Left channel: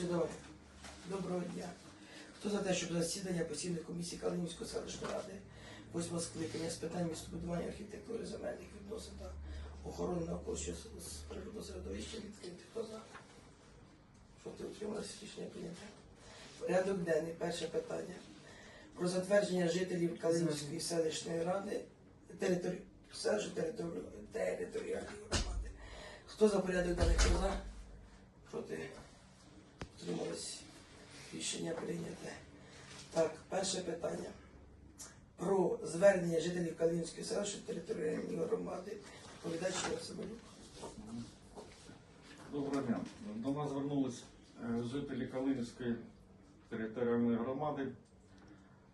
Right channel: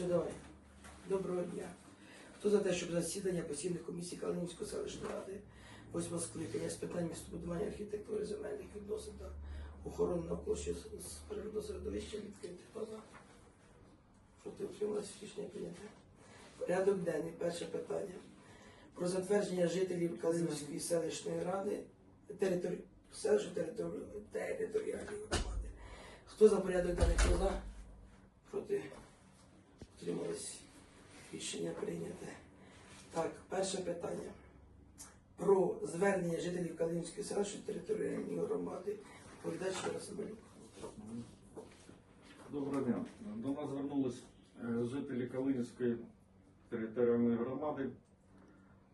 Давай. Доброго дня. Хто за те, щоб засідання постійної комісії Калинівської селищної ради, восьмого скликання з питань містобудування архітектури земельних відносин та охорони навколишнього с- с- природного середовища відкрити? Хто за? Проти утрималися рішення прийняте. Порядок денний. Перше питання. Про затвердження жителів Калинівської селищної ради території територіальної громади. Хто за порядок денний? Хто за? Проти Утримались. Рішення прийняте. Так, перше питання. Про звернення жителів Калинівської селищної територіальної громади. Відповідач Ігор Соболюк. Доброго дня. До нас звернулись е, жителі Калинівської територіальної громади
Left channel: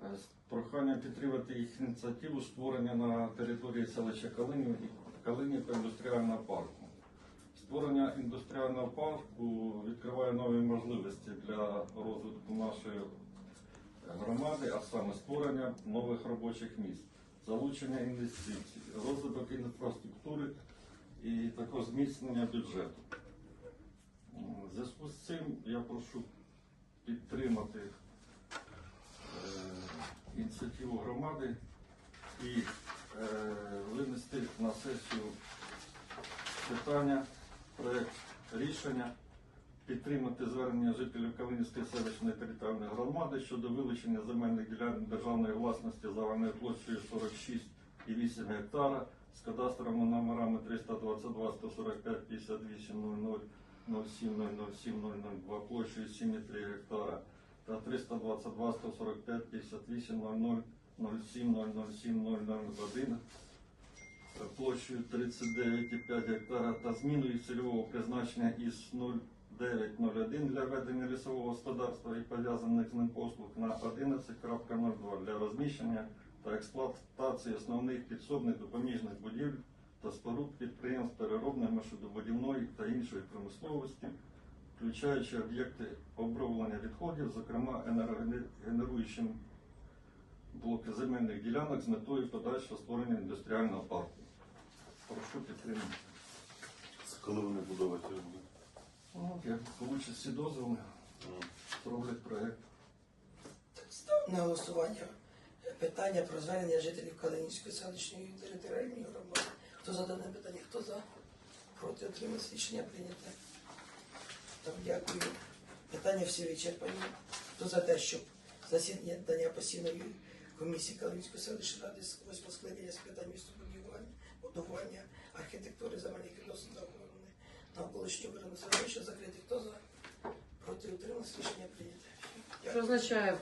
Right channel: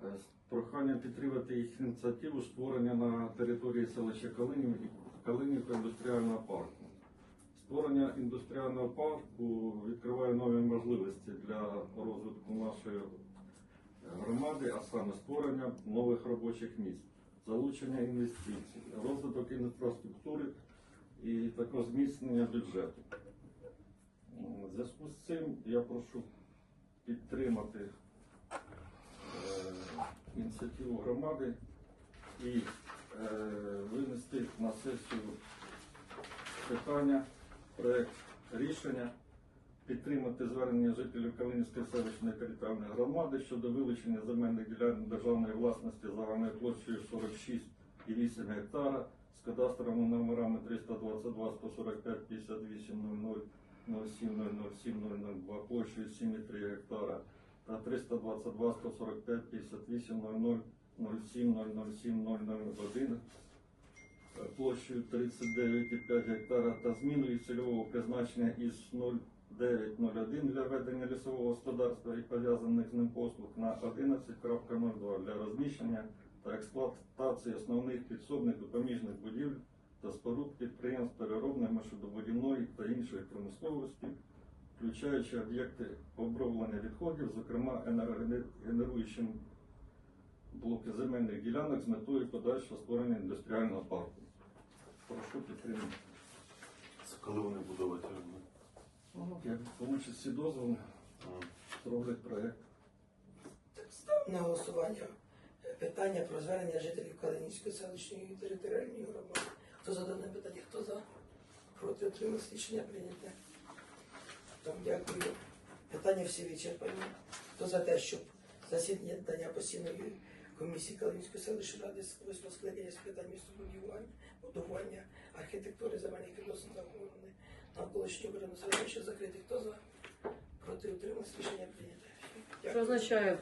з проханням підтримати їх ініціативу створення на території селища Калинів, Калинівка індустріального парку. Створення індустріального парку відкриває нові можливості для розвитку нашої громади, а саме створення нових робочих місць, залучення інвестицій, розвиток інфраструктури і також зміцнення бюджету. У зв'язку з цим я прошу підтримати е, ініціативу громади і е, винести на сесію питання, проект рішення, підтримати звернення жителів Калинівської селищної територіальної громади щодо вилучення земельних ділянок державної власності загальною площею 46,8 гектара з кадастровими номерами 322 145 58 00 07 площею 7,3 гектара та 322 145 58 00 07 007 001 площею 39,5 гектара та зміною цільового призначення із 0901 для ведення лісового господарства і пов'язаних з ним послуг на 11.02 для розміщення та експлуатації основних підсобних допоміжних будівель та споруд підприємств переробної машинобудівної та іншої промисловості, включаючи об'єкти оброблення відходів, зокрема енергогенеруючим блоки земельних ділянок з метою подальшого створення індустріального Як получать дозволи, зроблять проєкт. На голосування питання про звернення жителів Калинівської селищної територіальної громади. Хто за дане питання? Хто за? Проти утримались. Рішення прийняте. Так, дякую. Питання всі вичерпані. Хто за те, щоб засідання дання постійної комісії Калинівської селищної ради з восьмого скликання з питань містобудування, будування, архітектури, земельних відносин та охорони навколишнього природного середовища закрити. Хто за? Проти утримався, Рішення прийняте. Що означає